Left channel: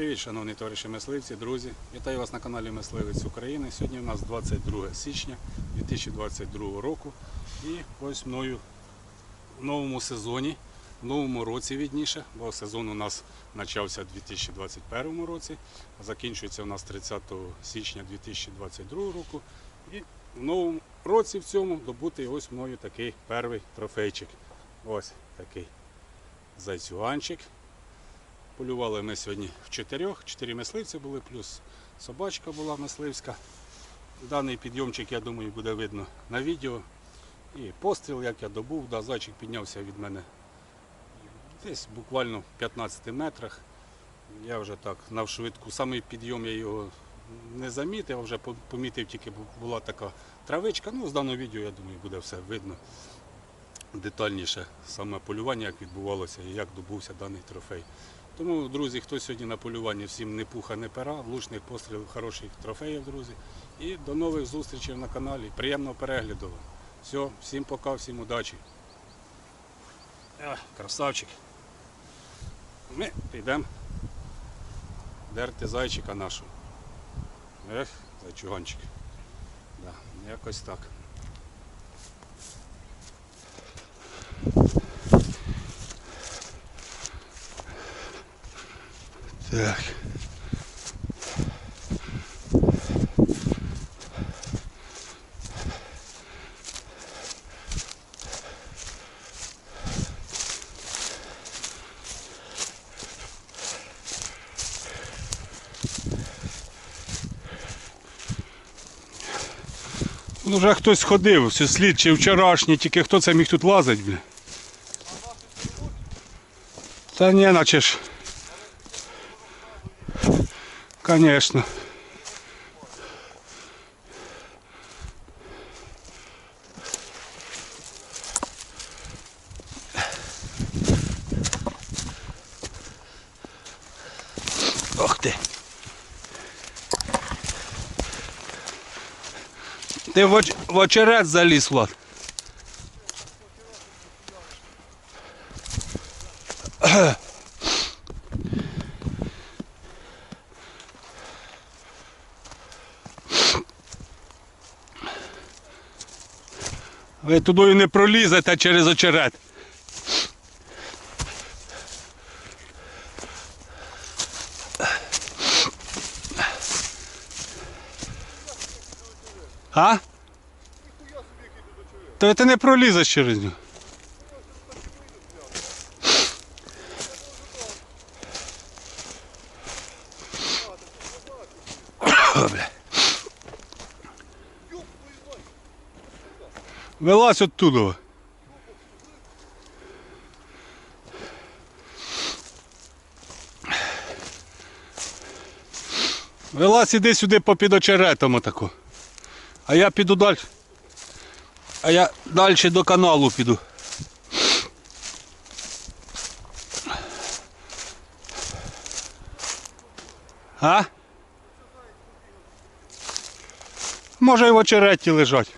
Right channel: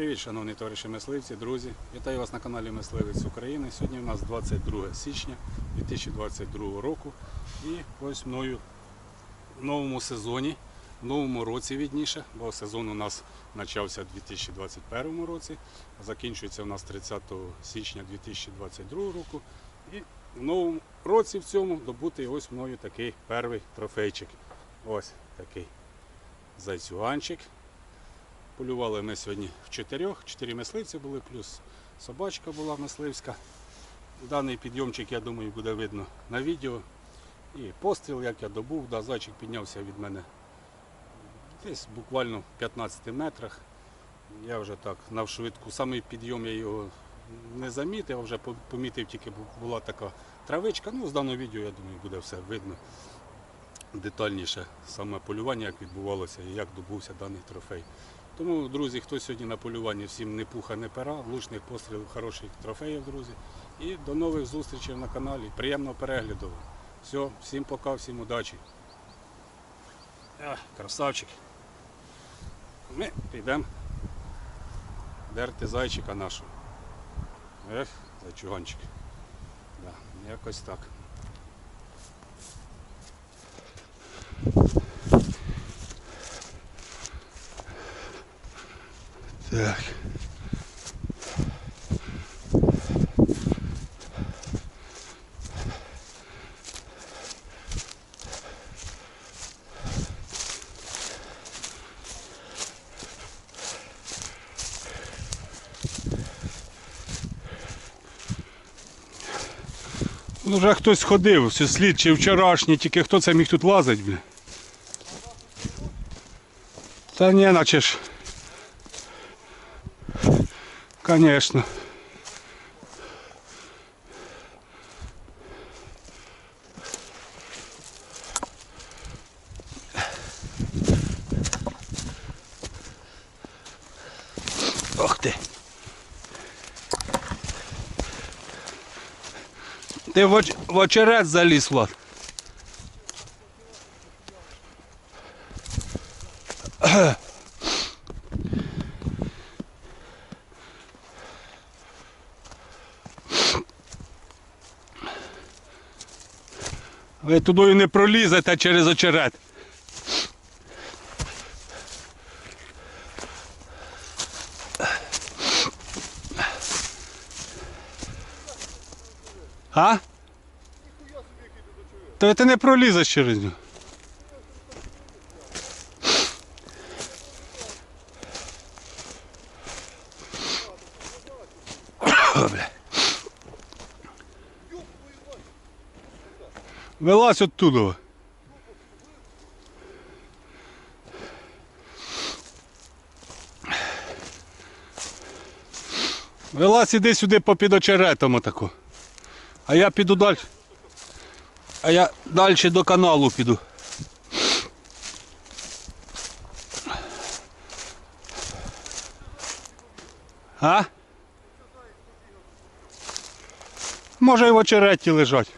Привіт, шановні товариші мисливці, друзі. Вітаю вас на каналі Мисливець України. Сьогодні у нас 22 січня 2022 року. І ось мною в новому сезоні, в новому році відніше, бо сезон у нас почався у 2021 році, закінчується у нас 30 січня 2022 року. І в новому році в цьому добутий ось мною такий перший трофейчик. Ось такий зайцюганчик. Полювали ми сьогодні в чотирьох, чотири мисливці були, плюс собачка була мисливська. Даний підйомчик, я думаю, буде видно на відео. І постріл, як я добув, да, зайчик піднявся від мене десь буквально в 15 метрах. Я вже так навшвидку, самий підйом я його не замітив, а вже помітив, тільки бу- була така травичка. Ну, з даного відео, я думаю, буде все видно детальніше саме полювання, як відбувалося і як добувся даний трофей. Тому, друзі, хто сьогодні на полюванні, всім не пуха, не пера, влучних пострілів, хороших трофеїв, друзі. І до нових зустрічей на каналі. Приємного перегляду. Все, всім пока, всім удачі. А, красавчик. Ми підемо дерти зайчика нашого. Ех, зайчуганчик. Да, якось так. Так. Ну, вже хтось ходив, все слід чи вчорашній, тільки хто це міг тут лазить, бля. Та ні, наче ж. Конечно. Ох ти. Ти в, оч... в очерет заліз, Влад. Ви туди не пролізете через очерет. А? Та ти не пролізеш через нього. Вилазь оттуда. Вилазь іди сюди попід очеретом отако. А я піду далі. А я далі до каналу піду. А? Може і в очереті лежать.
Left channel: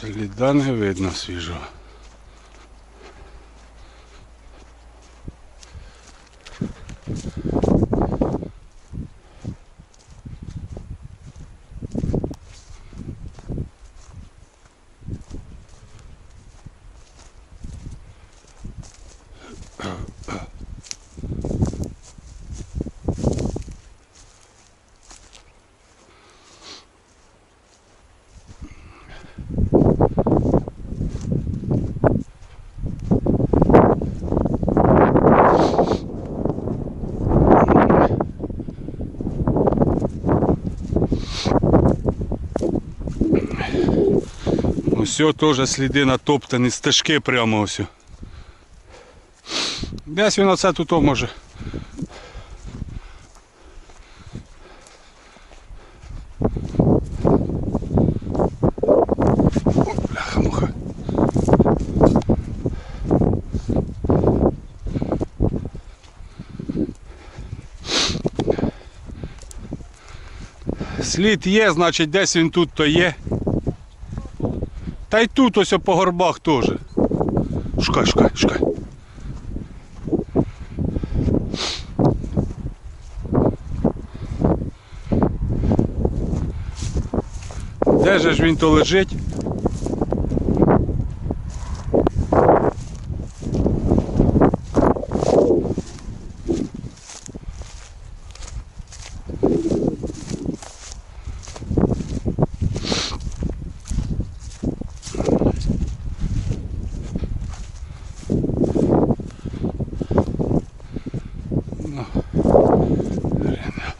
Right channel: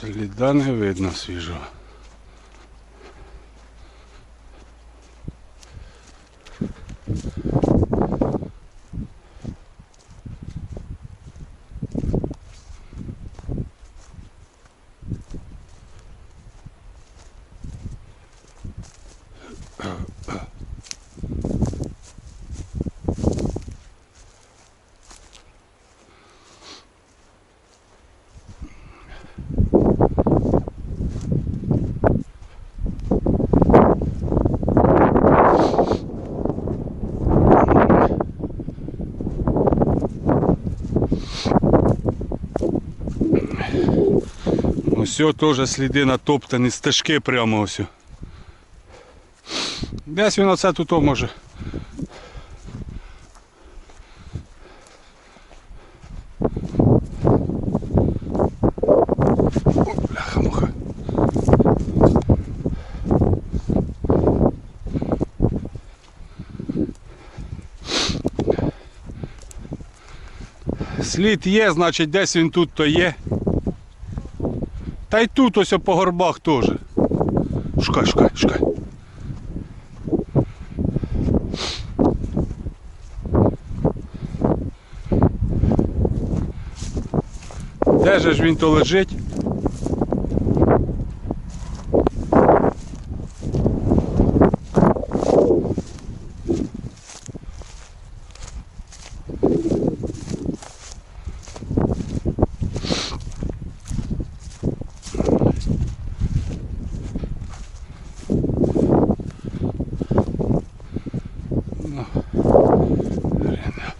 Сліда не видно свіжого. Ось теж сліди натоптані, стежки прямо ось. Десь він оце тут може. Слід є, значить десь він тут то є. Та й тут ось по горбах теж. Шукай, шукай, шукай. Де же ж він то лежить? Ну, блін.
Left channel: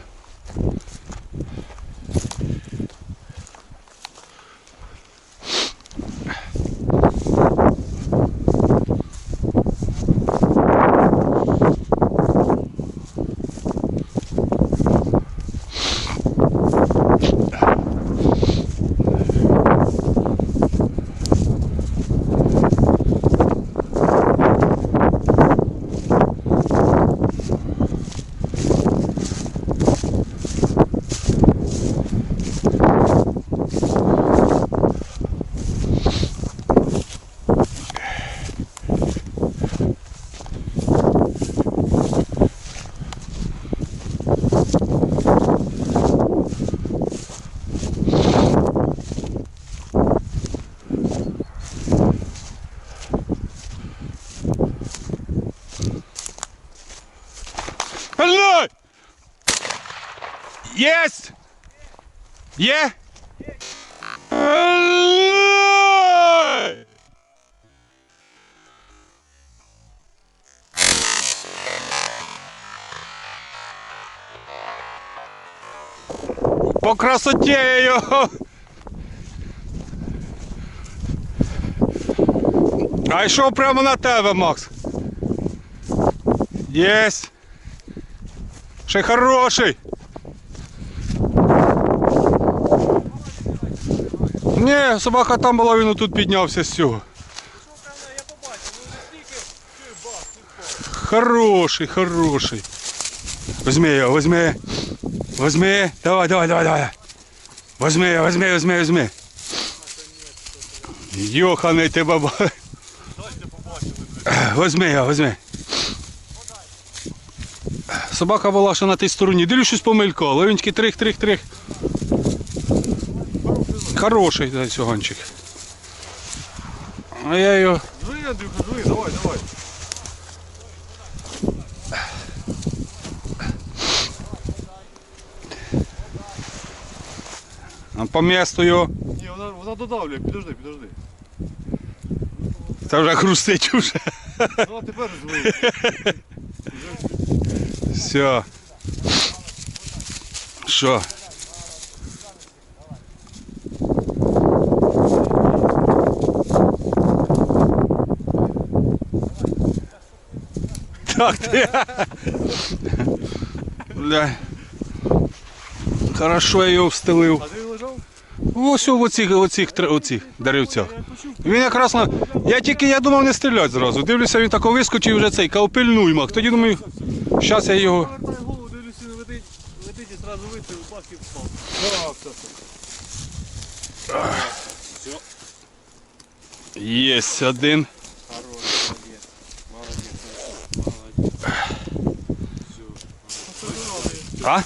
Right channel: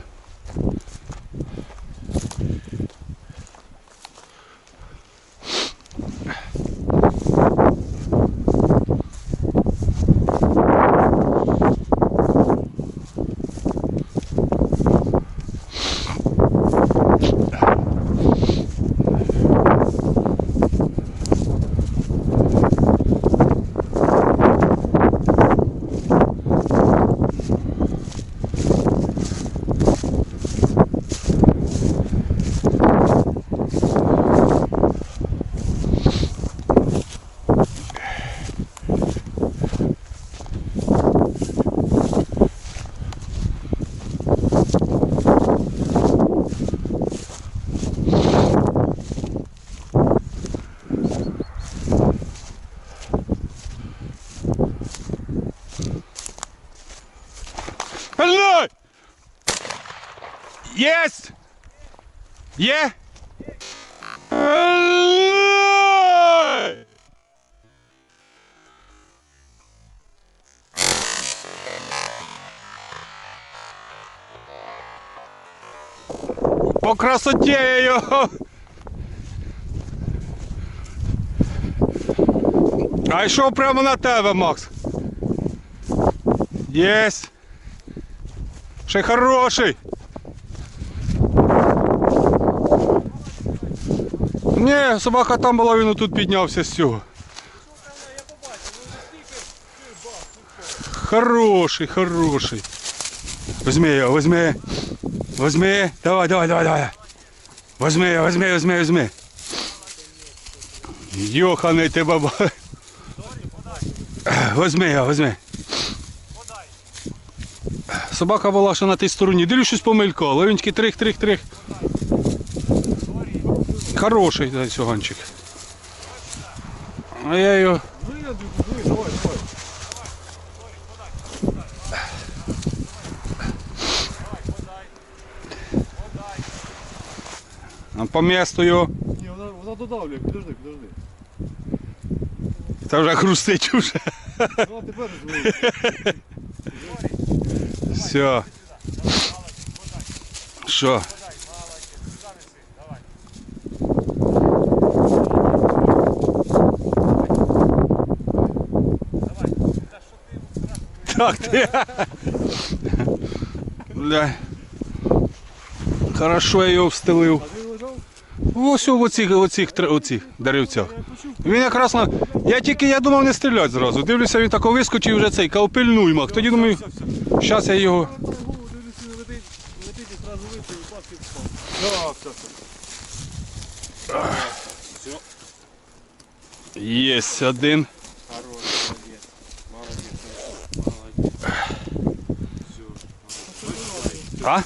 Єсть! Є? По красоті його! А йшов прямо на тебе, Макс. Єсть! Ще хороший. Ні, собака там була, він тут піднявся з цього. Хороший, хороший. Возьми його, возьми. Возьми. Давай, давай, давай, давай. Возьми його, возьми, возьми, возьми. Йоханий ти баба. Возьми його, возьми. Собака була ще на тій стороні. Дивлюсь, щось помелькало. Він трих-трих-трих. Хороший да, цьогончик. А я його. Жуй, Андрюха, жуй, давай, давай. а, По місту його. Ні, вона, вона додавлює, підожди, підожди. Та вже хрустить уже. Ну, а тепер жуй. Все. Що? Так ти. Бля. Хорошо я його встелив. Ось в оцих, оцих, оцих деревцях. Він якраз на. Я тільки я думав не стріляти зразу. Дивлюся, він тако вискочив вже цей, кав пильнуй мах. Тоді думаю, зараз я його. Повертай голову, дивлюся, він летить, летить і зразу вистріл, бах і впав. Так, все, все. Єсть один. Хорош, молодець. Молодець. Молодець. А?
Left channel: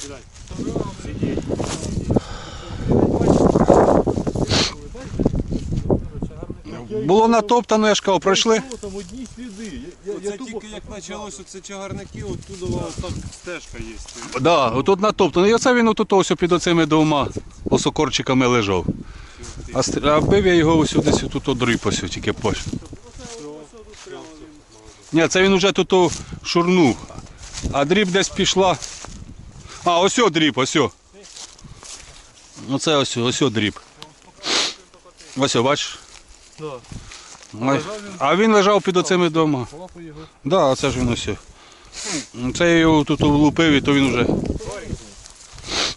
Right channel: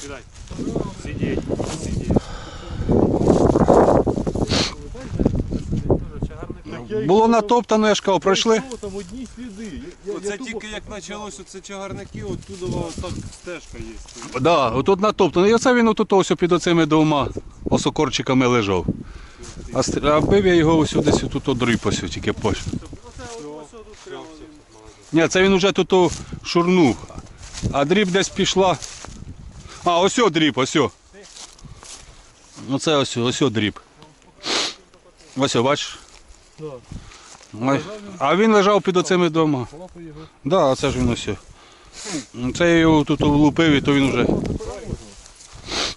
Сидіть. Було натоптано, я ж кажу, пройшли. Там одні сліди. Я, Оце тільки як почалось оце чагарники, оттуда так стежка є. Да, отут натоптано. І оце він отут ось під оцими двома осокорчиками лежав. А, стр- а бив я його ось десь тут одріп ось тільки пош. Ні, це він уже тут о шурнув. А дріб десь пішла. А, ось дріб, ось. Оце ось, ось дріб. Ось, бачиш? Да. Ой, А він лежав під оцими дома. Да, а це ж він ось. Це я його тут влупив і то він вже.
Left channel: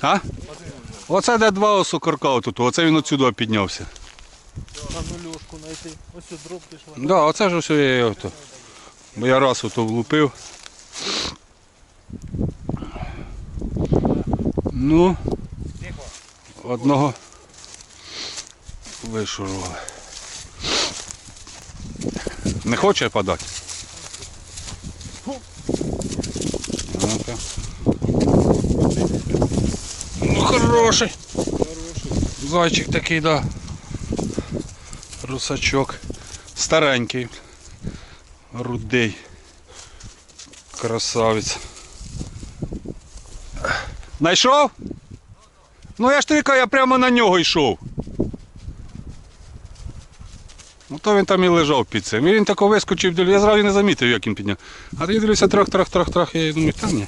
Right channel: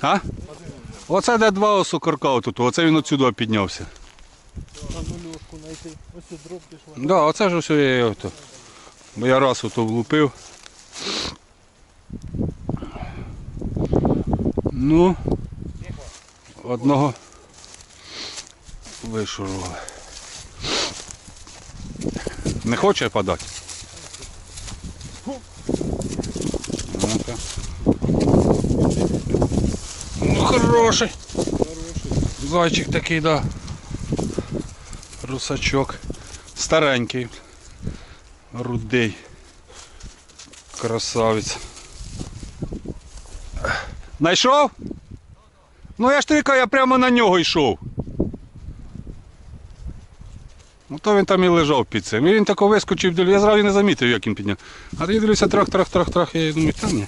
А? Оце де два осокорка тут, оце він отсюди піднявся. Ось дроб пішла. Да, оце ж ось я його. Бо я раз ото влупив. Ну, одного вишурували. Не хоче подати? Ну-ка. Ну, хороший. Зайчик такий, да. Русачок. Старенький. Рудий. Красавець. Найшов? Ну я ж кажу, я прямо на нього йшов. Ну то він там і лежав під цим. І він тако вискочив, я зразу не замітив, як він підняв. А тоді дивлюся, трах, трах, трах, трах, я думаю, та ні.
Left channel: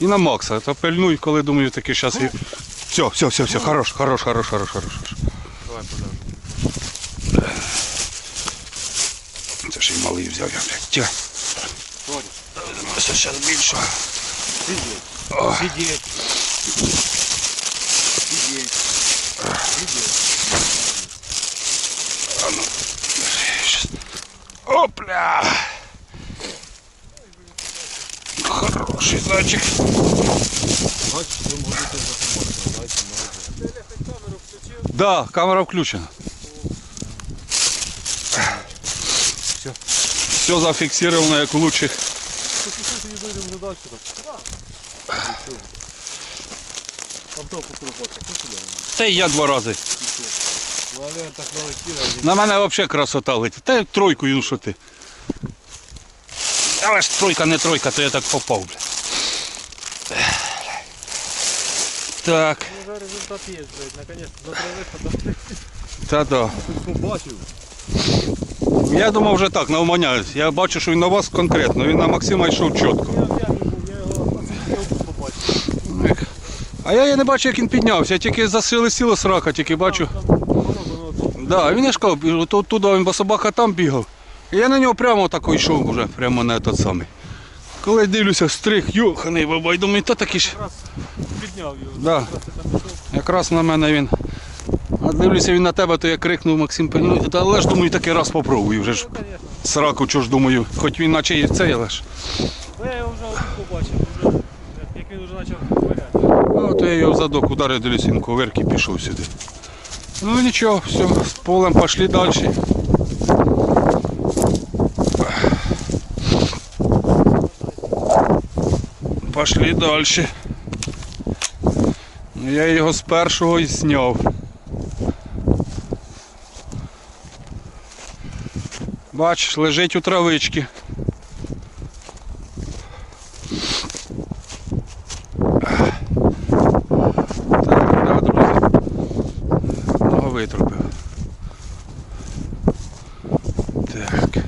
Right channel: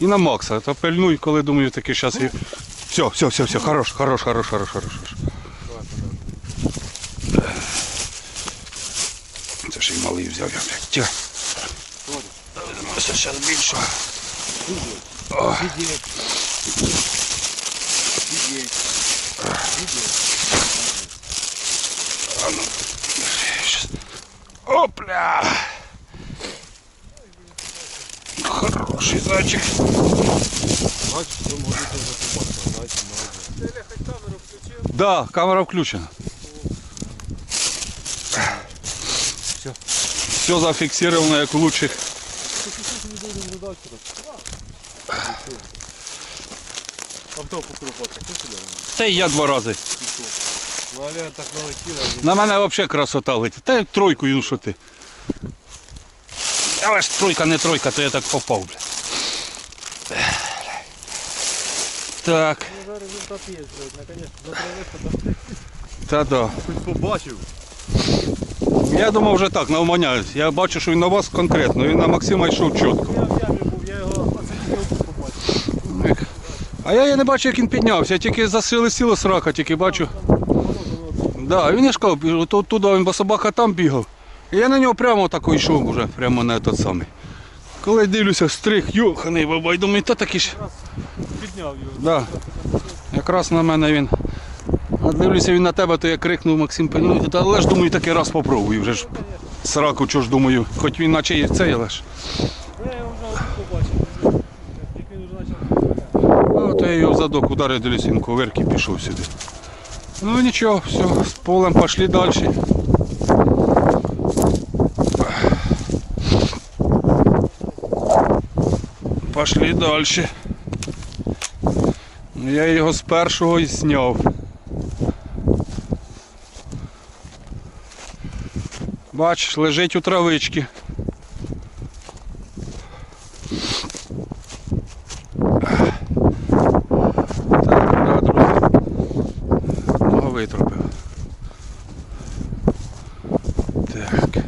І на Макса, то пильнуй, коли думаю, таки зараз і. Все, все, все, все, хорош, хорош, хорош, хорош, хорош. Давай хорош. Це ж і малий взяв, я, блядь. Тихо. Це зараз більше. Сидіть. Сидіть. Щас. Опля! Хороший зайчик. Бачиш, що можете за собаку, дайте молодець. Ти хоч камеру включив? Да, камера включена. Всё. Все зафиксировано, як у лучших. Послухайте, не дойдемо до далі. Авто покрупати. Що сюди? Та й я два рази. Ну, але так налетіла, На мене взагалі красота летить. Та й тройкою, ну що ти. Але ж тройка не тройка, то я так попав, бля. Так, Ну, вже результат є, блядь, та да. хоч побачив. Я думав вже так, навманяюсь. Я бачу, що він на вас конкретно, він на Максима йшов чітко. Я в ямі був, я його побачив. Ех. А я і не бачу, як він піднявся, я тільки засили сіло срака, тільки бачу. Да, він я ж кажу, туди він, бо собака там бігав. І я на нього прямо так йшов вже, прямо на той самий. Коли дивлюся, стрих, йоханий бабай, думаю, та такий ж. Підняв його. Да. Якраз на мене він. А дивлюся він на тебе, то я крикнув Максим пильну. Та але ж думаю, такий раз попробую вже ж. Ну. Сраку, чого ж думаю, хоч він наче і цей, але ж. Ну, я його вже отут побачив. вже, Як він вже почав ковиряти. Ну, то я його в задок ударив, дивлюся, він коверки пішов сюди. Ну нічого, все, з полем пішли далі. Пішли далі. Ну, Я його з першого і зняв. Бачиш, лежить у травичці. Так, да, друзі. Одного витрубив. Так.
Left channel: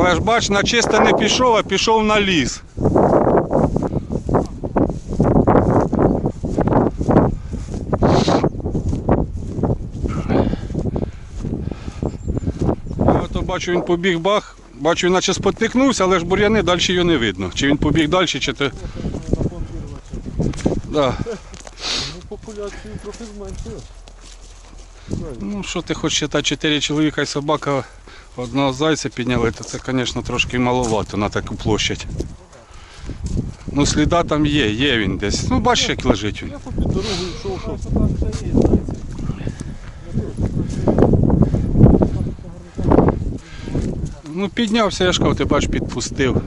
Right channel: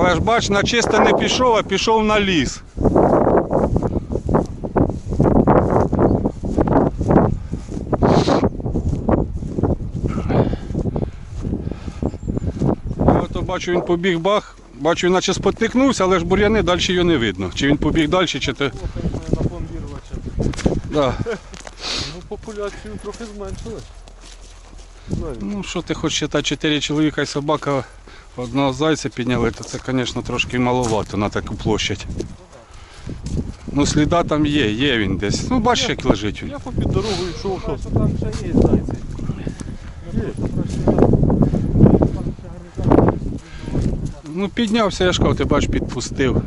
Але ж бач, на чисте не пішов, а пішов на ліс. Я ото бачу, він побіг бах, бачу, він наче спотикнувся, але ж бур'яни далі його не видно. Чи він побіг далі, чи він. Да. Ну, популяцію трохи зменшили. Ну що ти хочеш читати, чотири чоловіка і собака одного зайця підняли, то це, звісно, трошки маловато на таку площадь. Ну, сліда там є, є він десь. Ну, бачиш, як лежить він. Я попід дорогою йшов, що. Там ще є зайці. Ну, піднявся, я ж кажу, ти бачиш, підпустив.